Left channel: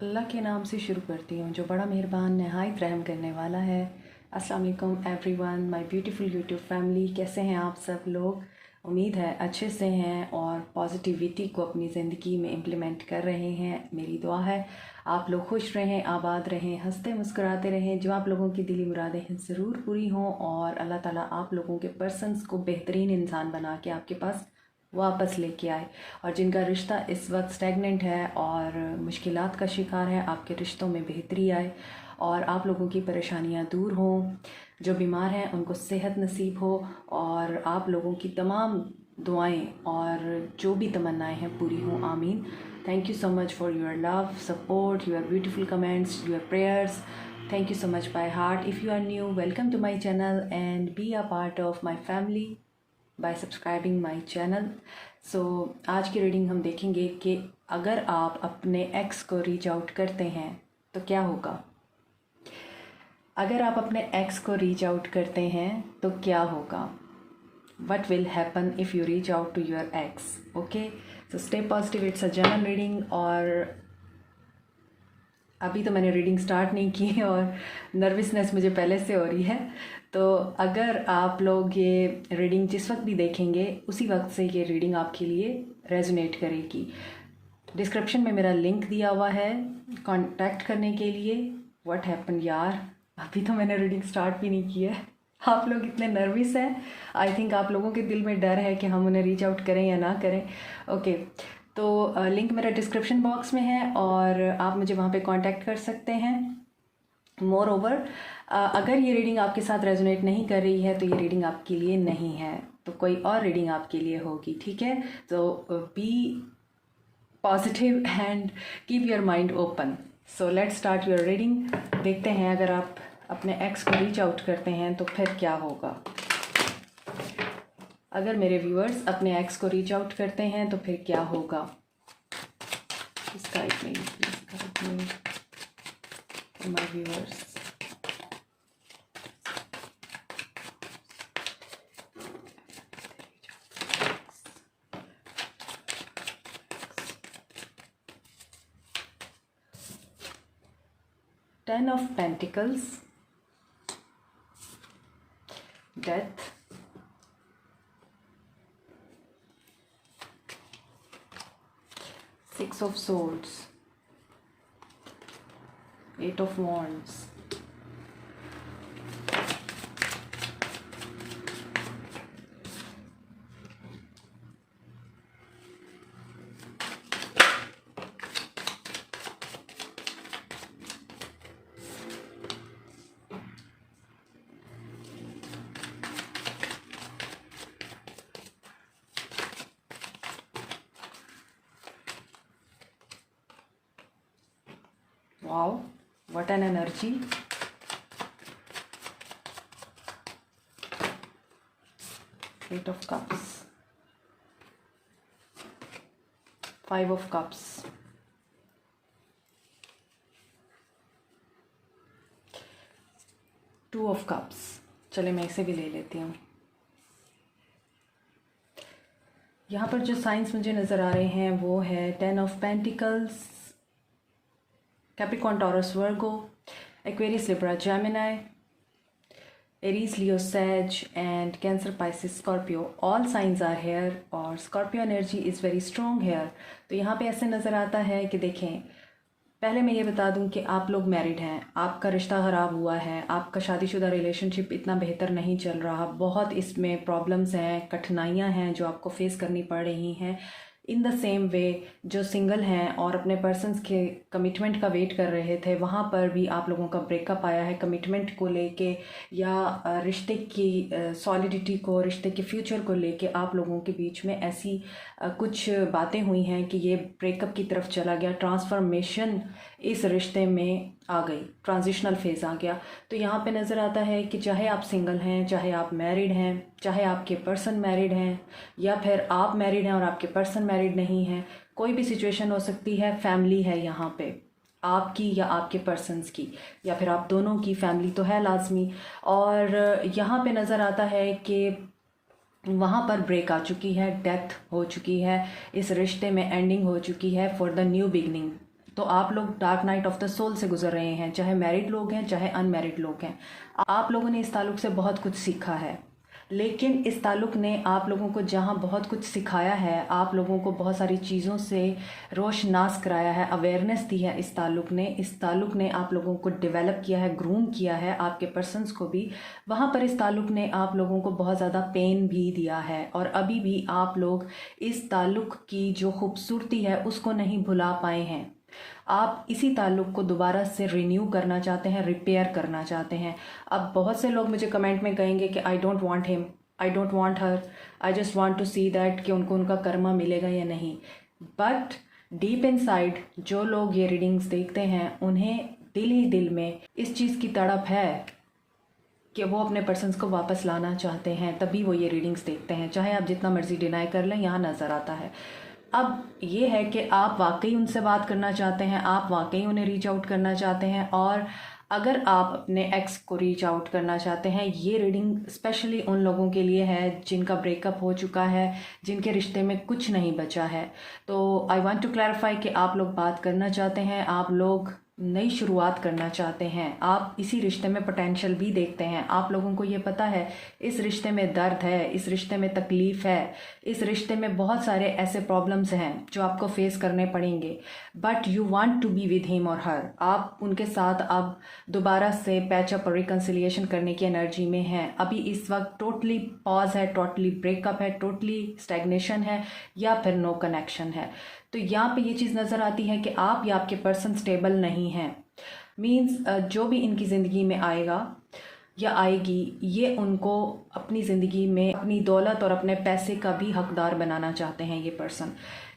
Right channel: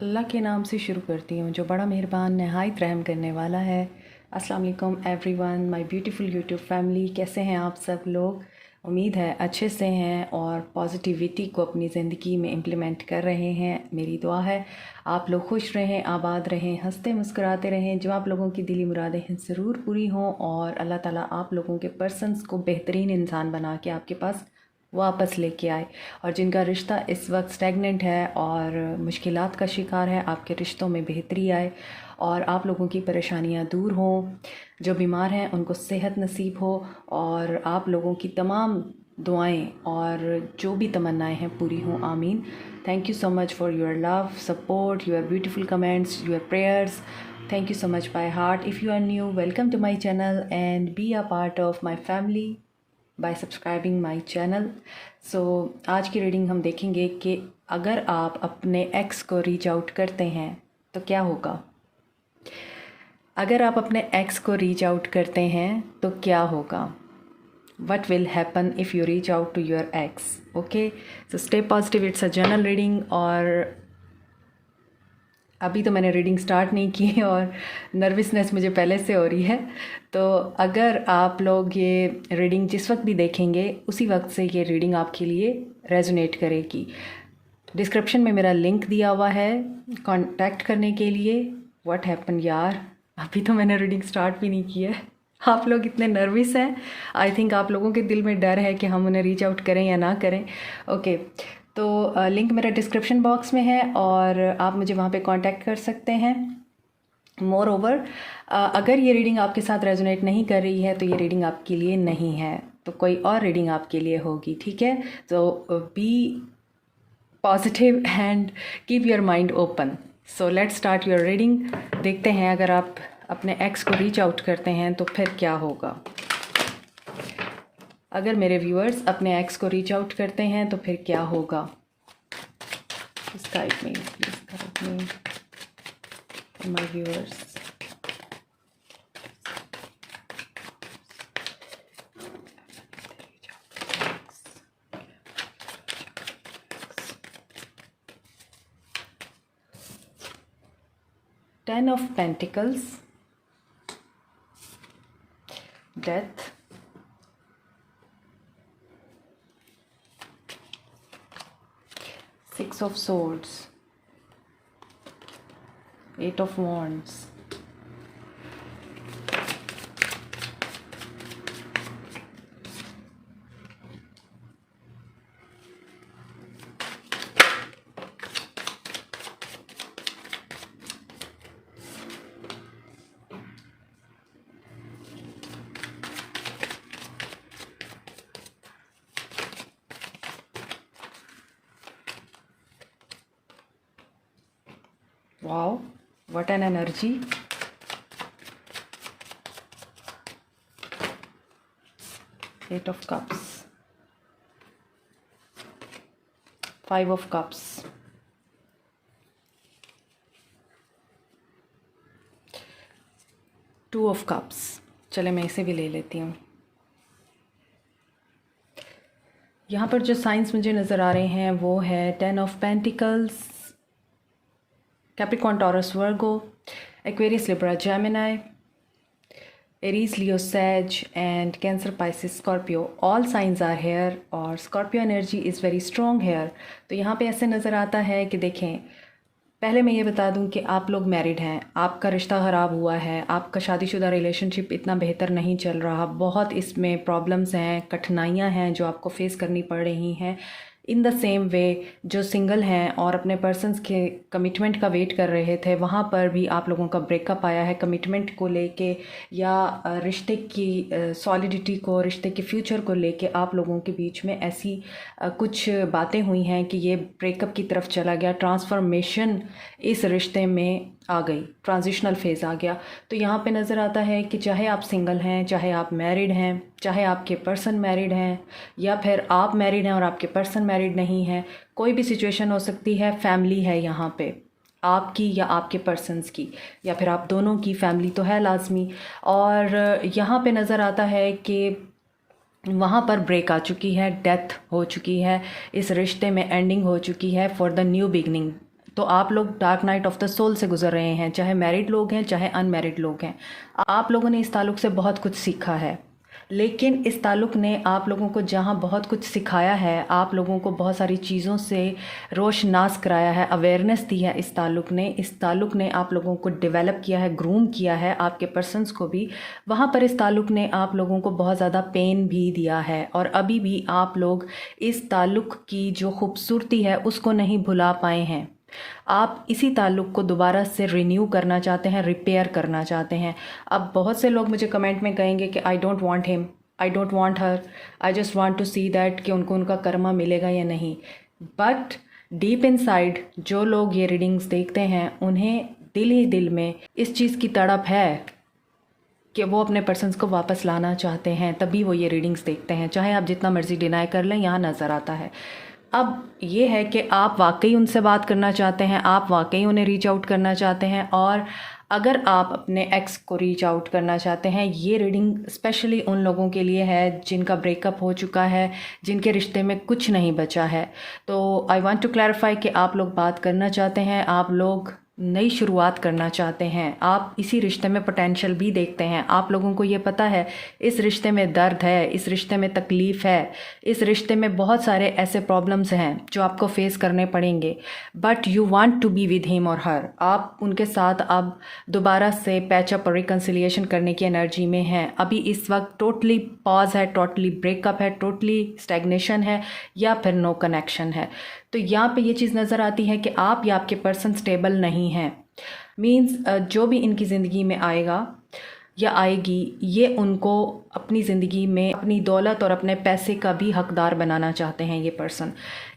अल्लाह के नाम से शुरू करती हूँ जो बड़ा मेहरबान नहायत रहम करने वाला है। अस्सलाम वालेकुम everyone, my beautiful YouTube family. कैसे हैं आप सब लोग? उम्मीद है अच्छे से हैं और पॉजिटिविटी को अपनी ज़िंदगी में इम्प्लीमेंट कर रहे हैं। मेरी दुआ है आप लोग खुश रहें, आबाद रहें, हंसते मुस्कुराते रहें। जो आप लोगों की दिली मुरादें हैं ज़रूर पूरी हों और अल्लाह ताला आप लोगों के पर्सन्स को बेहतरीन इंसान बना के आपके पास वापस लेके आए। और जिनका रिश्ता इस वक्त स्टैगनेंट है और मुश्किलात का शिकार है, आपके रिश्तों में बेहतरी आए और आप लोगों की परेशानियां दूर हों। जो बीमार हैं उनको सेहत नसीब हो और आप लोगों की तमाम दुआएं और जो भी तमन्नाएं हैं पूरी हों। आमीन। Thank you so much for your love, support, your beautiful comments, your prayers. Thank you so much by heart. If you are new, welcome to my channel and be a part of my family by subscribing my channel. So आज की reading हम देखेंगे कि अगर आप अपने x को reach out करते हैं तो क्या होगा। अगर आप अपने एक्स को रीच आउट करते हैं तो क्या होगा। What will happen if you reach out to your ex? Okay, so stay positive. It's a general reading और अभी तो मैंने रीडिंग स्टार्ट नहीं की और नर्वसनेस मुझे पहले से हो रही है। तो अगर आप लोग ये रीडिंग जिस वक्त भी देखेंगे उसी वक्त से ये रीडिंग आपके लिए रेजोनेट करेगी। डिस्क्रिप्शन में मेरा लिंक दिया हुआ है कांटेक्ट करने के लिए। व्हाट हैपन यार, अभी तो मैंने रीडिंग स्टार्ट भी नहीं की है। आप लोग इतने नर्वस हैं। आई थिंक आप लोगों के दिल में डर है कि हम उन्हें रीच आउट करें या ना करें। ओके, तो लिंक मेरा डिस्क्रिप्शन बॉक्स में है और आप मुझे वहाँ पे कांटेक्ट कर सकते हैं। मोर ओवर, अगर ये रीडिंग आपके साथ रेजोनेट नहीं कर रही है तो ये रीडिंग आपके लिए नहीं है, तो कोई और रीडिंग आपके लिए होगी। ठीक है, तो be positive and keep your mind open. So let's start your reading. देखते हैं अगर आप अपने एक्स को रीच आउट करते हैं तो फिर क्या होगा। अगर मेरे व्यूअर्स अपने एक्स को रीच आउट करते हैं तो फिर क्या होगा। इस टाइप में please my viewers. Ten of Pentacles, Death, Six of Swords, Eight of Wands, Wow, what an energy. Eight of Cups, Five of Cups, Two of Cups। चले मैं इसे भी ले लेती हूँ। यहाँ पर जो साइंस मुझे नज़र आ रहे हैं वो है ten of pentacles, Capricorn, Taurus, Virgo, Aquarius, Libra, Gemini, Aries, Leo, Sag and Cancer, Pisces, Scorpio. All signs are here और Scorpio energy is very strong here. तो यहाँ पे ऐसे नज़र आता है कि देखें, पहले मैं ये बता दूं कि आप लोग मैरिड हैं, आपका रिश्ता ख़राब हुआ है, आपका शादीशुदा रिलेशनशिप इतना बेहतर नहीं चल रहा, बहुत इसमें प्रॉब्लम्स हैं, कठिनाइयां हैं जो आपको फेस करनी पड़ रही हैं। इन द सेम वे जो सिंगल हैं और अपने पर्सन्स के कमिटमेंट का वेट कर रहे थे, वहाँ पर भी आप लोगों का ब्रेकअप आया है कमिटमेंट को लेके या रिश्ते की सॉलिडिटी को, रिश्ते के फ्यूचर को लेके आप लोगों के बीच में ऐसी कुछ बातें हुई हैं कि ये ब्रेकअप की तरफ चला गया। ट्रांसफॉर्मेशन इस रिश्ते में आ गई, ट्रांजिशनल फेज़ आ गया। तो यहाँ पे नज़र आता है कि चाहे आप सिंगल हैं, चाहे आप मैरिड हैं, चाहे आपके पर्सन मैरिड हैं या फिर आप मैरिड हैं और आपके पर्सन मैरिड नहीं हैं, कोई भी सिचुएशन हो सकती है। फैमिली है यहाँ पे आपकी या आपके पर्सन्स की, या फिर आप दोनों की फैमिली तो है लाजमी। और यहाँ पे नज़र आता है कि वहाँ पर ब्रेक आ चुकी है, डेथ हो चुकी है, इस रिश्ते में एंडिंग हो चुकी है फॉर द न्यू बिगनिंग। तो आप लोग dark night of the soul से गुजर रहे हैं, चाहे मैरिड लोग हैं चाहे अनमैरिड लोग हैं। आप लोगों ने इस ताल्लुक़ से बहुत कुछ सीखा है, लेकिन इस ताल्लुक़ ने आप लोगों को जहाँ बहुत कुछ सिखाया है, आप लोगों को बहुत सारी चीज़ों से रोशनास कराया है, अवेयरनेस दी है इस ताल्लुक़ ने आप लोगों को डेवलप किया है, ग्रूम किया है, आपके पर्सन्स को भी। वहाँ पर इस ताल्लुक़ ने आप लोगों को बहुत ज़्यादा पेन भी दिया है, और अभी भी आप लोग इस ताल्लुक़ की जो खूबसूरती है उसको नहीं भुला पाए हैं। आप इसी ताल्लुक़ को दोबारा से रिन्यू करना चाहते हैं, रिपेयर करना चाहते हैं। अब बहुत से लोग मुझे कमेंट में कहेंगे कि I don't want him, I don't want her, I just want to see that कि उनको उनका कर्मा मिलेगा या नहीं। बट डीप इनसाइड जो लोग ये रीडिंग्स देखते हैं, उन्हें दिल ही दिल में इस चीज़ की तड़प है कि वो अपने पर्सन्स को वापस लाना चाहते हैं, तभी वो ये रीडिंग्स देखते हैं। चाहे आप जितना मर्ज़ी डिनाई कर लें, यहाँ नज़र आता है। अब ये है कि आप वाकई उनसे बात करना चाहते हैं, आप वाकई उन्हें रीच आउट करना चाहते हैं, और अगर आप अपने एक्स को रीच आउट करना चाहते हैं, ये रीडिंग स्पेशली उन लोगों के लिए है जिनका ब्रेकअप हो चुका है, जिनके रिश्ते में कुछ नहीं बचा है। तो आई वांट टू क्लैरिफाई कि आप लोग बात करना चाहते हैं, आप लोग नई शुरुआत करना चाहते हैं, आप इसी रिश्ते में पोटेंशियल भी देखते हैं। आप लोगों को ये पता है इस रिश्ते में दर्द है, इस रिश्ते में तकलीफ़ है, इस रिश्ते में बहुत सारे ऐसे प्रॉब्लम्स हैं जो आपको फेस करने पड़ेंगे, but you want to be with him और हर। आप उनके साथ अब दोबारा से पैचअप और रिकन्सिलिएशन करने की एनर्जी में हैं। अभी इस वक्त टोटली पॉज है, टोटली ब्रेकअप है, टोटली स्टैग्नेशन है, या फिर नो कनेक्शन है। तो यहाँ पे ये चीज़ नज़र आती है कि आप या आपके पर्सन स्टेबल नहीं हैं। मीन्स जो भी इनकी ज़िंदगी में आएगा या आएगी, ये उनको अपनी ज़िंदगी में अपनी दौलत और अपने पैसे का भी हकदार बनाना चाहते हैं ये पर्सन।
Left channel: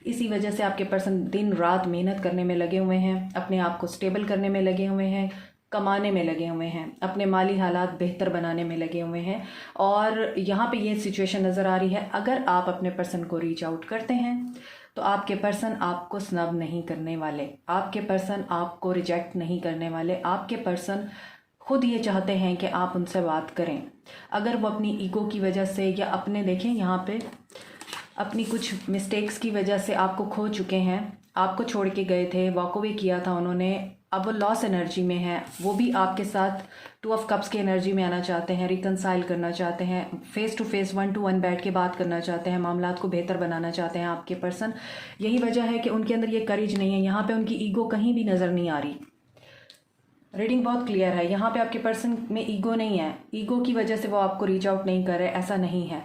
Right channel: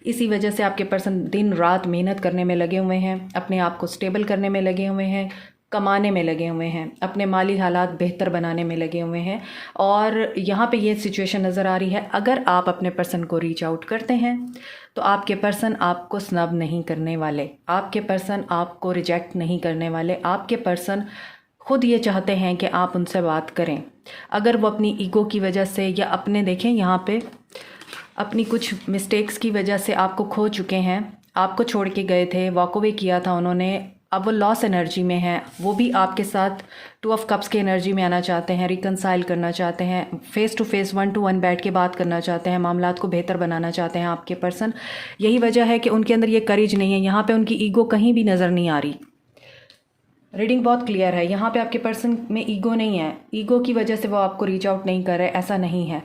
इसी वजह से आपके पर्सन दिन रात मेहनत करने में लगे हुए हैं, अपने आप को स्टेबल करने में लगे हुए हैं, कमाने में लगे हुए हैं, अपने माली हालात बेहतर बनाने में लगे हुए हैं। और यहाँ पे ये सिचुएशन नज़र आ रही है, अगर आप अपने पर्सन को रीच आउट करते हैं तो आपके पर्सन आपको स्नब नहीं करने वाले, आपके पर्सन आपको रिजेक्ट नहीं करने वाले। आपके पर्सन खुद ये चाहते हैं कि आप उनसे बात करें। अगर वो अपनी ईगो की वजह से या अपने देखें यहाँ पे अपनी कुछ मिस्टेक्स की वजह से आपको खो चुके हैं, आपको छोड़ के गए थे, वॉक अवे किया था उन्होंने, अब वो लॉस एनर्जी में हैं, वो भी आपके साथ 2 ऑफ कप्स की एनर्जी में आना चाहते हैं, रिकंसाइल करना चाहते हैं, फेस टू फेस 1 to 1 बैठ के बात करना चाहते हैं, मामलात को बेहतर बनाना चाहते हैं आपके पर्सन। यही वजह है कि उनके अंदर ये करेज नहीं है, यहाँ पे उनकी ईगो कहीं भी नज़र नहीं आ रही। रीडिंग बहुत क्लियर है, यहाँ पे आपके पर्सन में ईगो नहीं है, ईगो की वजह से वो आपको रीच आउट नहीं कर रहे, ऐसा नहीं है।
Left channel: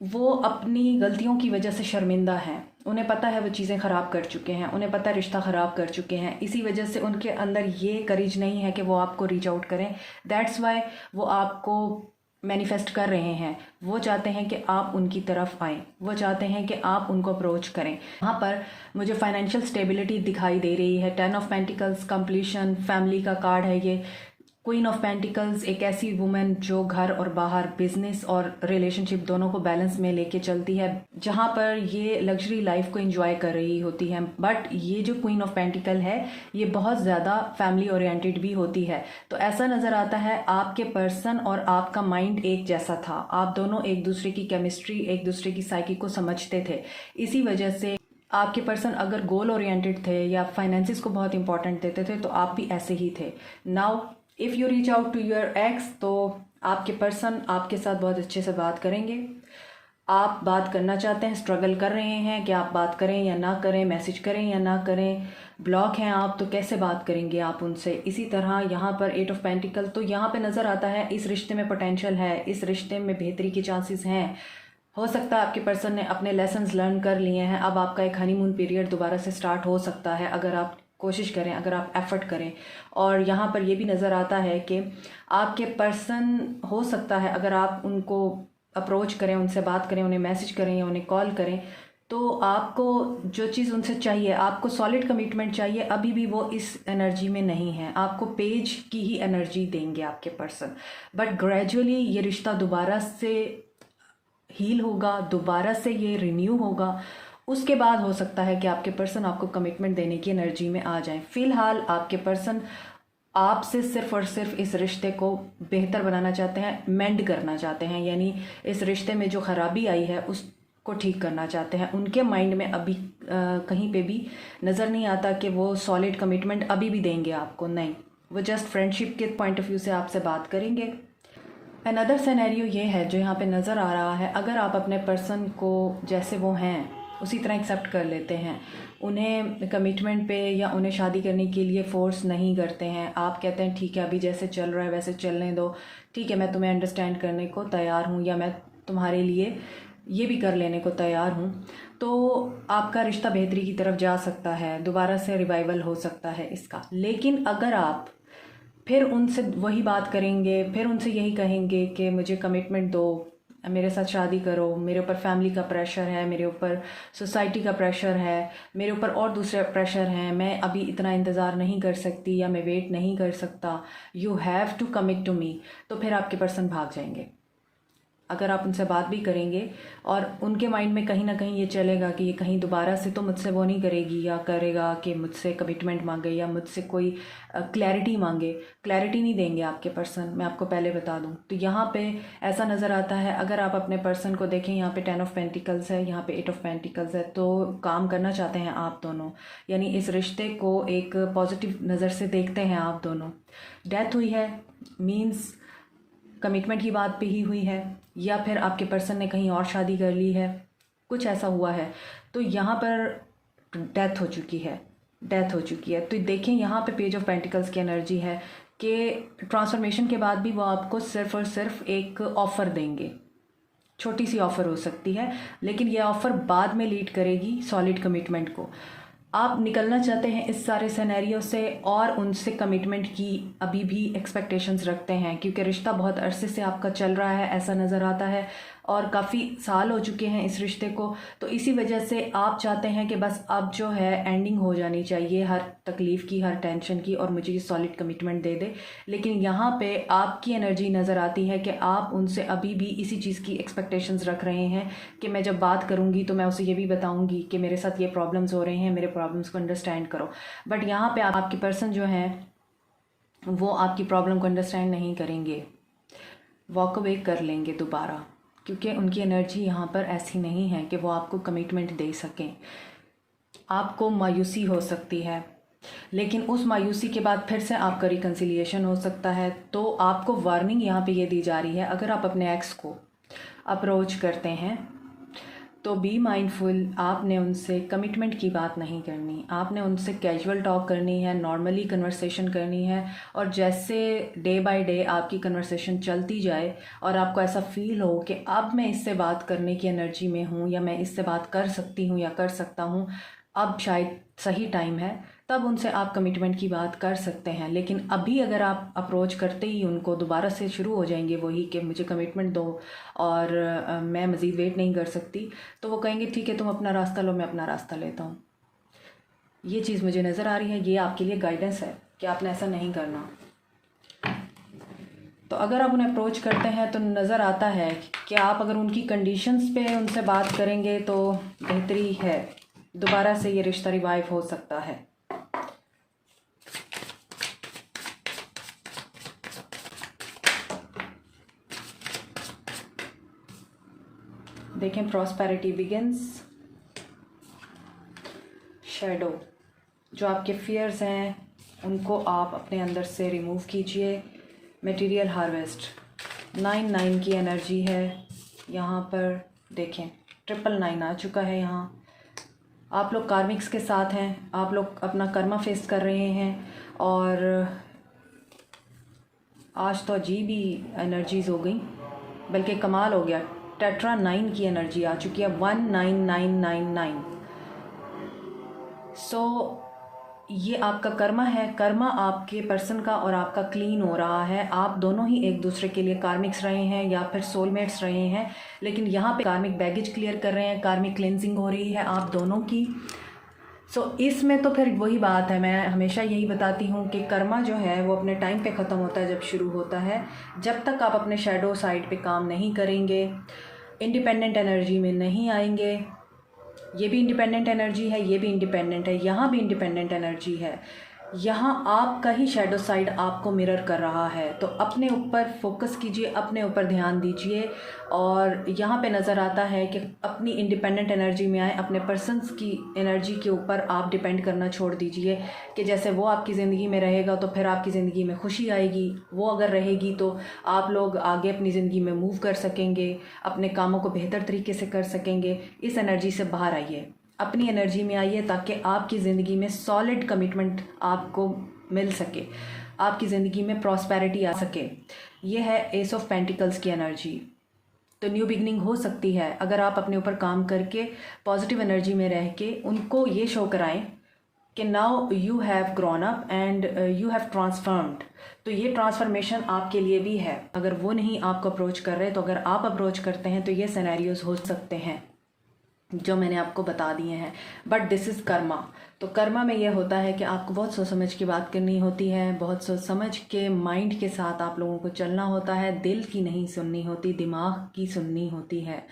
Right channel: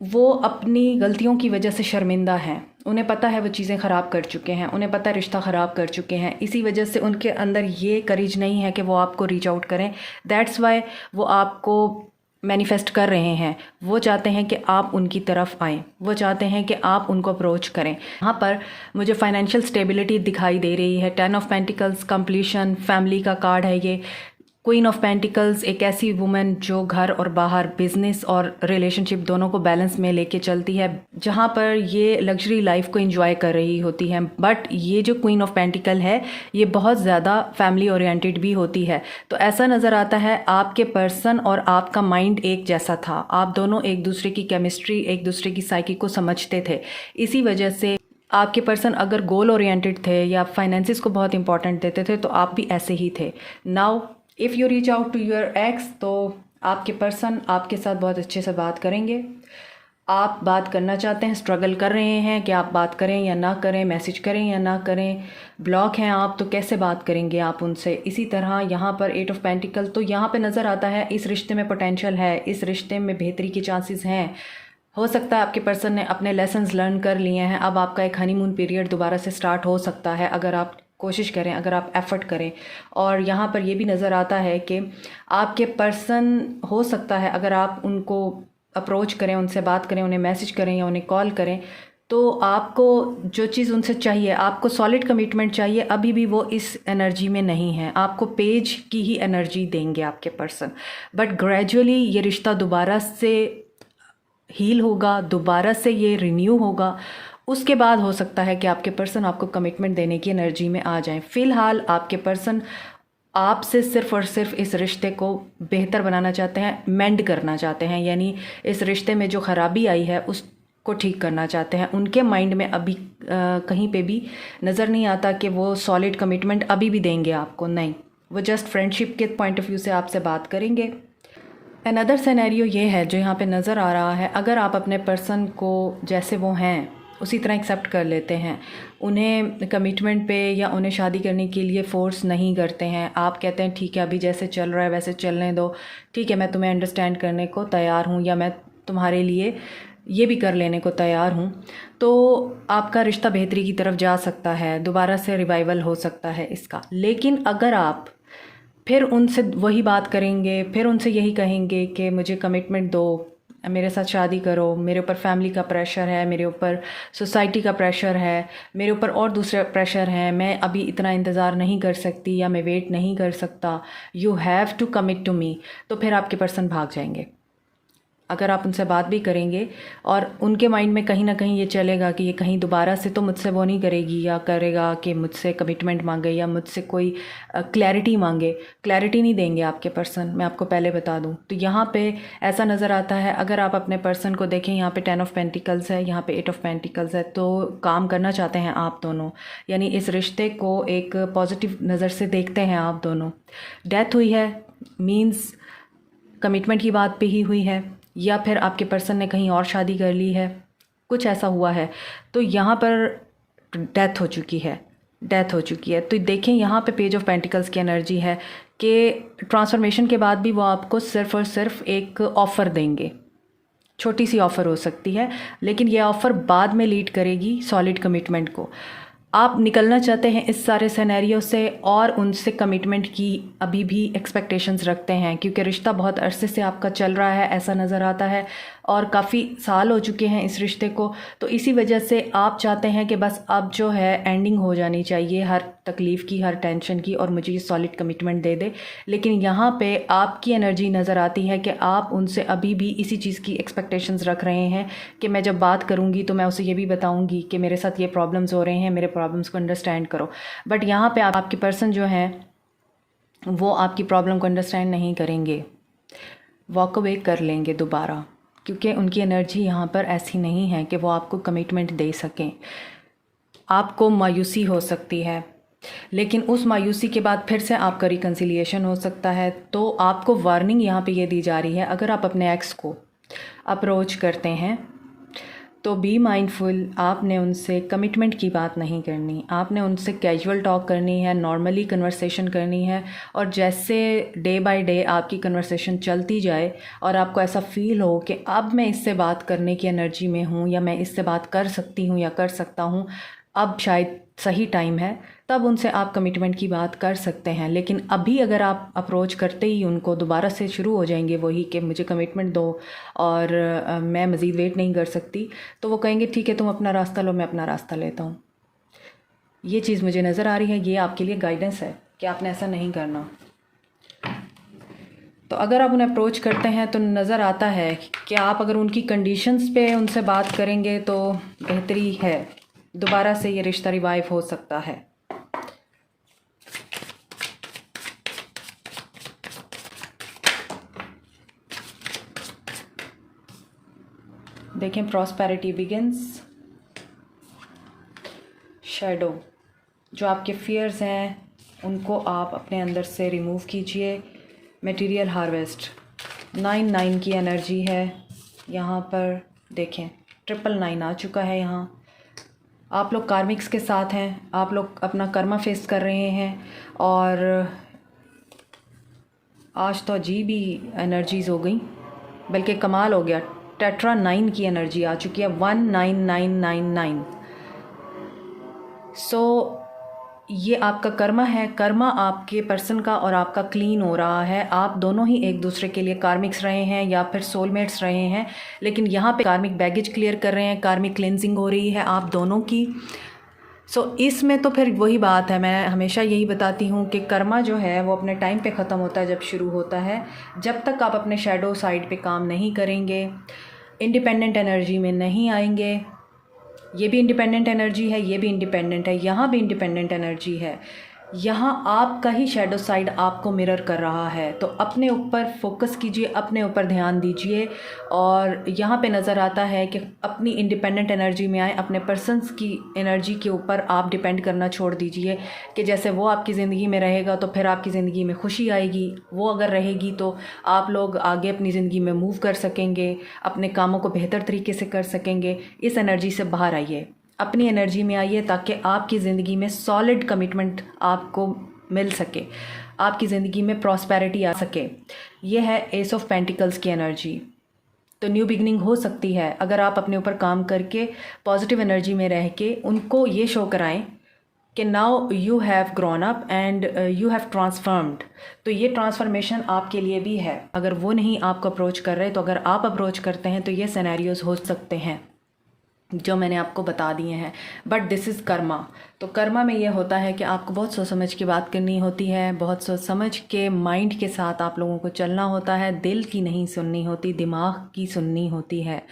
वो अपनी गलतियों की वजह से शर्मिंदा हैं, उन्हें पता है वो चीज़ें ख़राब कर चुके हैं, उन्हें पता है रिश्ता ख़राब कर चुके हैं, इसी वजह से उनके अंदर ये करेज नहीं है कि वो आपको रीच आउट करें। दैट्स वाई वो आपको मैनिफेस्ट कर रहे हैं। वो चाहते हैं कि आप उनकी तरफ आएँ, वो चाहते हैं कि आप उनको अप्रोच करें। यहाँ पर मुझे फाइनेंशियल स्टेबिलिटी दिखाई दे रही है, 10 ऑफ पेंटिकल्स, कंप्लीशन, फैमिली का कार्ड है ये। क्वीन ऑफ पेंटिकल्स एक ऐसी वुमेन जो घर और बाहर, बिजनेस और रिलेशनशिप दोनों को बैलेंस में लेके चलती है, जहाँ पर ये लग्जरी लाइफ को एंजॉय कर रही होती है। बट ये जो क्वीन ऑफ पेंटिकल है ये बहुत ज़्यादा फैमिली ओरिएंटेड भी होती है। तो ऐसा नज़र आता है आपके पर्सन और आपका माइंड एक जैसा था, आप दोनों एक दूसरे की केमिस्ट्री, एक दूसरे की साइकी को समझते थे। इसी वजह से आपके पर्सन अगर गोल ओरिएंटेड थे या फाइनेंसिस को बहुत इंपॉर्टेंट देते थे, तो आप भी ऐसे ही थे। Now if you reach out to your ex, तो आपके पर्सन आपके साथ बहुत अच्छे से बात करेंगे। आप बात करना चाहते हैं, स्ट्रगल कर रहे हैं कि आप बात करें या ना करें, मैसेज करें या ना करें, ब्लॉक हैं आप तो कैसे बात करेंगे आप उनसे। इसी तरह यहाँ पर 8 ऑफ पेंटिकल, तो यहाँ पे नज़र आता है इस रिश्ते में पोटेंशियल है, इस रिश्ते में बेहतरी की चांसेस हैं। हो सकता है आपके पर्सन ने अपने लेसन्स लर्न कर लिए हैं, अब आपका एक हनीमून पीरियड दोबारा से स्टार्ट हो सकता है अगर आप कोशिश करें, अगर आप एफर्ट करें। और यहाँ पर ये भी नज़र आता है कि आपके पर्सन हो सकता है अगर आप उनको अप्रोच करें, उनसे बात करें, उन्हें मैसेज करें या उन्हें कॉल करें, तो आपको जो चीज़ उनसे चाहिए, आपको सॉलिड कमिटमेंट चाहिए, अभी भी वो इस एनर्जी में नहीं है। आपको पेज की ही एनर्जी देंगे आपके पर्सन, बट ग्रेजुअली ये रिश्ता दोबारा से हील होगा, दोबारा से ये रिन्यू होगा। उसके बाद हो सकता है कि आपके पर्सन आपको कमिटमेंट देने की एनर्जी में आ जाएं। फ़िलहाल आपके पर्सन आपसे सिर्फ़ और सिर्फ इस रिश्ते को बेहतर बनाना चाहते हैं, मेंड करना चाहते हैं, यानी इस रिश्ते में जो ख़राबी आई है उसको को ठीक करना चाहते हैं। उनके माइंड में अभी कहीं पे भी नज़र नहीं आता कि वो सॉलिड कमिटमेंट अभी भी देंगे आपको, नहीं, वो जस्ट फ्रेंडशिप के पॉइंट ऑफ व्यू से आपसे बात करेंगे। अनदर सिनेरियो ये है जो यहाँ पे नज़र आ रहा है, अगर आप अपने पर्सन को जैसे वो हैं उसी तरह एक्सेप्ट कर लेते हैं, उन्हें कमिटमेंट पे या उन्हें शादी करने के लिए फ़ोर्स नहीं करते हैं, आप कहते हैं ठीक है अभी जैसे चल रहा है वैसे चलने दो, ठीक है मैं तुम्हें अंडरस्टैंड करने को तैयार हूँ या मैं तुम्हारे लिए ये भी कर लेने को तैयार हूँ, तो आपका रिश्ता बेहतरी की तरफ जा सकता है, दोबारा से रिवाइवल हो सकता है इसका। लेकिन अगर आप फिर उनसे वही बात करेंगे, फिर उनसे यही कहेंगे कि मुझे कमिटमेंट दो, मेरे साथ शादी करो, मेरे ऊपर फैमिली का प्रेशर है, मेरे ऊपर सोसाइटी का प्रेशर है, मेरे ऊपर और दूसरा प्रेशर है, मैं अभी इतना इंतज़ार नहीं कर सकती या मैं वेट नहीं कर सकता, you have to commit to me, तो फिर आपके पर्सन भाग जाएंगे। अगर आप उनसे बात भी करेंगे और उनके माइंड में कहीं ना कहीं ये चलेगा कि ये कहीं दोबारा से तो मुझसे वो नहीं करेगी या करेगा कि मुझसे कमिटमेंट मांगे या मुझसे कोई क्लैरिटी मांगे, क्लैरिटी नहीं देंगे आपके पर्सन, मैं आपको पहले बता दूं। तो यहाँ पे ऐसा नज़र आता है, अगर आप अपने पर्सन को देखें, यहाँ पे 10 ऑफ पेंटिकल्स है, यहाँ पे 8 ऑफ पेंटिकल्स है, तो काम करना चाहते हैं आप दोनों, यानी इस रिश्ते को एक पॉजिटिव नज़र से देखते हैं आप दोनों। डेथ हुई है मीन्स कमिटमेंट की बात पे ही हुई है, या फिर आपके पर्सन ने कहीं और शादी कर ली है, कुछ ऐसा हुआ है, तो यहाँ पर डेथ हो चुकी है, डेथ हो चुकी है। तो देखें यहाँ पे पेज ऑफ पेंटिकल्स की एनर्जी है कि ट्रांसफॉर्मेशन के बाद भी वो आपको सिर्फ और सिर्फ एक ऑफ़र देंगे, छोटी सी ऑफ़र हो सकती है, लेकिन ये ऑफ़र बाद में लीड करेगी सॉलिड कमिटमेंट को। आप निकलना चाहते हैं इस सारे सिनेरियो से और उनसे कमिटमेंट की अभी भी एक्सपेक्टेशंस रखते हैं, क्योंकि रिश्ता बहुत अरसे से आपका चल रहा है ऐसा नज़र आता है और काफ़ी साल हो चुके हैं इस रिश्ते को, तो इसी वजह से आप चाहते हैं कि बस अब जो है एंडिंग हो जानी चाहिए हर तकलीफ़ की, हर टेंशन की, और मुझे ये सॉलिड कमिटमेंट दे दे। लेकिन यहाँ पे आपकी एनर्जी नज़र आती है कि आप उनसे अभी भी इसी चीज़ की एक्सपेक्टेशंस रख रहे हैं कि मैं जब बात करूँगी तो मैं उसे ये भी बताऊँगी कि मेरे साथ ये प्रॉब्लम्स हो रहे हैं, मेरे प्रॉब्लम्स को अंडरस्टैंड करो। बट यहाँ पे आपके पर्सन जो है वो आपकी प्रॉब्लम को अंडरस्टैंड नहीं करेंगे, वॉक अवे कर लेंगे दोबारा, क्योंकि उनकी एनर्जी यहाँ पर ऐसी नहीं है कि वो आपको कमिटमेंट दे सकें। आपको मायूसी हो सकती है, लेकिन उस मायूसी के बाद फिर से आपका रिकन्सिलिएशन हो सकता है। तो आपको वार्निंग यहाँ पे ये दी जा रही है, अगर आप अपने एक्स को अप्रोच करते हैं तो बी माइंडफुल, आपने उनसे कमिटमेंट की बात नहीं करनी, आपने उनसे कैजुअल टॉक करनी है, नॉर्मली कन्वर्सेशन करनी है, और जैसे डे बाय डे आपकी कन्वर्सेशन चलती जाए और आपको ऐसा फील हो कि अब मैं इससे बात करने की एनर्जी में हूँ या मैं इससे बात कर सकती हूँ या कर सकता हूँ, अब शायद सही टाइम है, तब उनसे आप कमिटमेंट की बात कर सकते हैं। लेकिन अभी अगर आप अप्रोच करते ही उनको दोबारा से शुरू हो जाएंगे वही कि मुझे कमिटमेंट दो और मैं मज़ीद वेट नहीं कर सकती, तो वो कहेंगे ठीक है तुम अपना रास्ता लो, मैं अपना रास्ता लेता हूँ। ये चीज़ मुझे नज़र आ रही है, ये आपके लिए गाइडेंस है कि आपने ऐसा नहीं करना। तो अगर आप उन्हें अप्रोच करते हैं तो नज़र आता है कि आप अगर उनकी कंडीशंस पे उनसे बात करेंगे तो बेहतरी है, दोबारा से ये रिश्ता रिवाइव हो सकता है। देखें प्रॉस्पेरिटी बिगिंस, शैडो, जो आपके फियर्स हैं उनको आप अपने अंदर से रिमूव कीजिए। मटेरियल हार्वेस्ट, 9 की एनर्जी है यहाँ पर, देखें 999 आ चुका है। यहाँ आप लोग कार्मिक्स के साथ हैं, आप लोग अपना कर्मा फेस कर रहे हैं, और आज तो अजीब ही एनर्जीज़ हो गई, बल्कि कमाल हो गया, टेट्रा 9 की एनर्जी आ चुकी है, 19999। सो ये आपका कर्मा है, कर्मा आपके पर्सन का और आपका क्लीन हो रहा है। आप दोनों ही एक दूसरे के लिए कार्मिक्स रहे हैं या फिर सोलमेट्स रहे हैं, लेकिन यहाँ पे कार्मिक बैगेज क्लियर कर रहे हैं, कार्मिक क्लेंजिंग हो रही है आप दोनों की। इसमें तो फिर वही बात है, मैं हमेशा यही बताती हूँ कि कर्मा जो है वो अपने टाइम पे ख़त्म होता है जब शुरू होता है। जब तक आप अपने शैडो साइड पे काम नहीं करेंगे, इंडिपेंडेंट एनर्जी में नहीं आएंगे, ये भी इंडिपेंडेंट एनर्जी है, ये भी इंडिपेंडेंट है, यहाँ भी इंडिपेंडेंट एनर्जी है, यहाँ आपका ही शैडो साइड आपको मिरर कर रहा है। तो अपने ऊपर फोकस कीजिए, अपने ऊपर ध्यान दीजिए। और यहाँ पे नज़र आता है कि अपनी इंडिपेंडेंट एनर्जी में आए, अपने पर्सन्स की एनर्जी के ऊपर आप डिपेंड करना छोड़ दीजिए कि जैसे वो आपकी ज़िंदगी में रहेगा तो फिर आपकी ज़िंदगी में खुशी आएगी, वो अगर रहेगी तो आप लोग आगे अपनी ज़िंदगी में मूव कर सकेंगे, अपने कामों को बेहतर तरीके से कर सकेंगे। इस एनर्जी से बाहर आइए, अपनी एनर्जी में आइए, ताकि आपकी ज़िंदगी में सॉलिड कमिटमेंट आपको मिल सके, आपकी ज़िंदगी में प्रॉस्पेरिटी आ सके। ये है एस ऑफ पेंटिकल्स की एनर्जी। तो न्यू बिगनिंग हो सकती है अगर आप अपने ऊपर काम करके पॉजिटिव एनर्जी में रह के उनको ये शो कराएं कि now you have grown up and you have transformed. तो ये ट्रांसफॉर्मेशन आपके लिए भी है। अगर वो नहीं आपको अप्रोच कर रहे तो अगर आप अप्रोच करते हैं तो ये सिनेरियोज हो सकते हैं जो मैंने आपको बता दिए हैं। But this is Karma. तो कर्मा में ये होता है कि आपको बहुत सोच समझ की बात करनी होती है, बहुत सोच समझ के माइंड के साथ आप लोगों को चलना होता है। दिल की नहीं सुननी होती, दिमाग की सुननी होती है।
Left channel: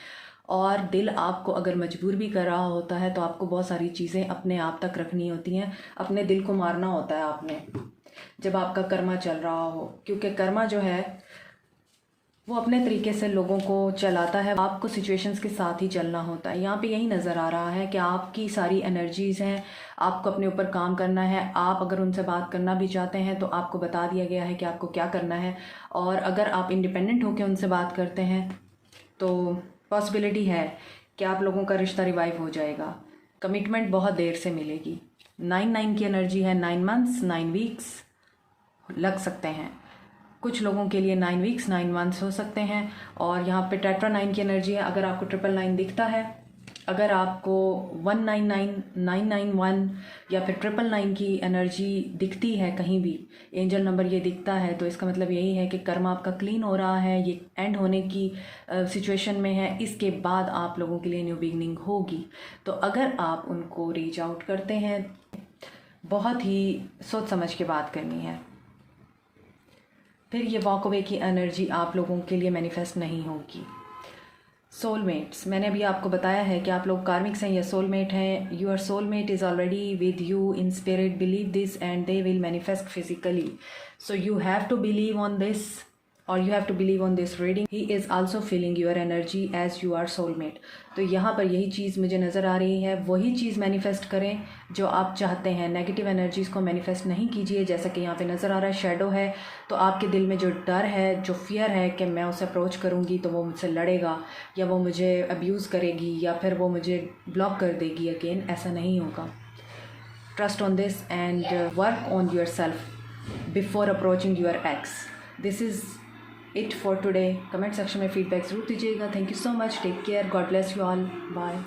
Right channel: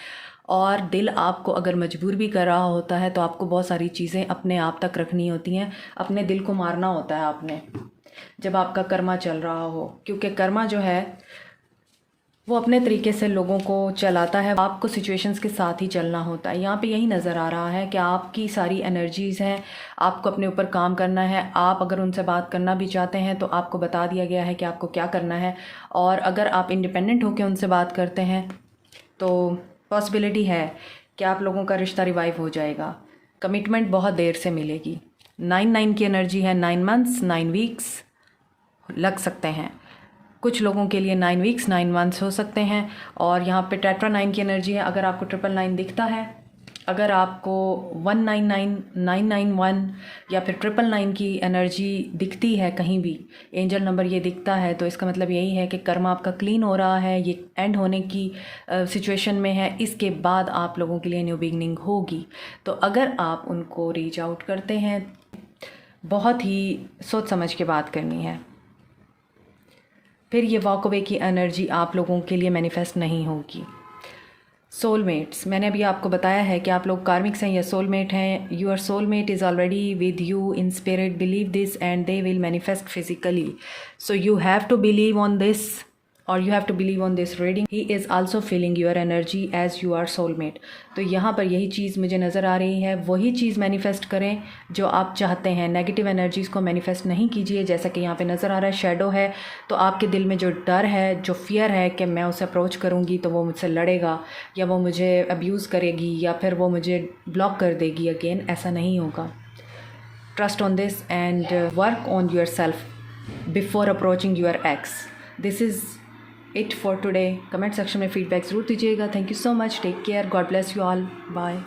और दिल आपको अगर मजबूर भी कर रहा होता है तो आपको बहुत सारी चीज़ें अपने आप तक रखनी होती हैं। अपने दिल को मारना होता है आपने, जब आपका कर्मा चल रहा हो, क्योंकि कर्मा जो है वो अपने तरीके से लोगों को चलाता है। आपको सिचुएशंस के साथ ही चलना होता है। यहाँ पे यही नज़र आ रहा है कि आपकी सारी एनर्जीज़ हैं, आपको अपने ऊपर काम करना है। आप अगर उनसे बात करना भी चाहते हैं तो आपको बता दिया गया है कि आपको क्या करना है। और अगर आप इंडिपेंडेंट होकर उनसे बात करते हैं तो पॉसिबिलिटी है कि आप लोगों का रिश्ता रिवाइव हो जाएगा। कमिटमेंट बहुत देर से मिलेगी। 9-9 की एनर्जी है, 9 मंथ्स 9 वीक्स लग सकते हैं। कुछ लोगों के लिए 9 वीक्स 9 मंथ्स हो सकते हैं। और यहाँ पे टेट्रा 9 की एनर्जी है। अगर आपको 999 दिखता है, अगर आपको 199 991 या फिर 999 की एनर्जी दिखती है, कहीं भी एंजल नंबर ये दिखता है, तो इसका मतलब यही है कि कर्मा आपका क्लीन हो रहा है, ये एंड होने की सिचुएशन में है। इसके बाद आप लोगों के लिए न्यू बिगनिंग होगी। तो अगर आप उनको रीच आउट करते हैं, बहुत ही सोच समझ के बात करनी है, फिर ये वॉक अवे की एनर्जी आप लोगों के लिए मैनिफेस्ट नहीं होगी। सोलमेट्स, मैंने अभी आपको बताया है कि आप लोग कार्मिक्स हैं या सोलमेट हैं। Your soulmate is already with you in spirit. Believe this and they will manifest physically. So you have to believe on this और you have to believe on this reading. He is also feeling your energy as you are soulmate. तो यहाँ पर यही चीज़ मुझे नज़र आ रही है। वही चीज़ मैनिफेस्ट करें जो आप चाहते हैं। नेगेटिव एनर्जीज़ को मैनिफेस्ट नहीं कीजिए। जैसा कि यहाँ पे नज़र आ रहा है शैडो है, तो आपके दिल में जो डर है, जो फियर है कि मैं उसे अप्रोच करूँगी तो वो मुझसे लड़ेगा या वो मुझे अब्यूज़ करेगी या फिर वो मुझे ब्लॉक कर देगी अगेन, ऐसा नहीं होगा। Trust on this and work on yourself before approaching your ex. This is it for today. Comment section में फीडबैक ज़रूर दीजिएगा। Thank you so much. Take care. God bless you all. Bye.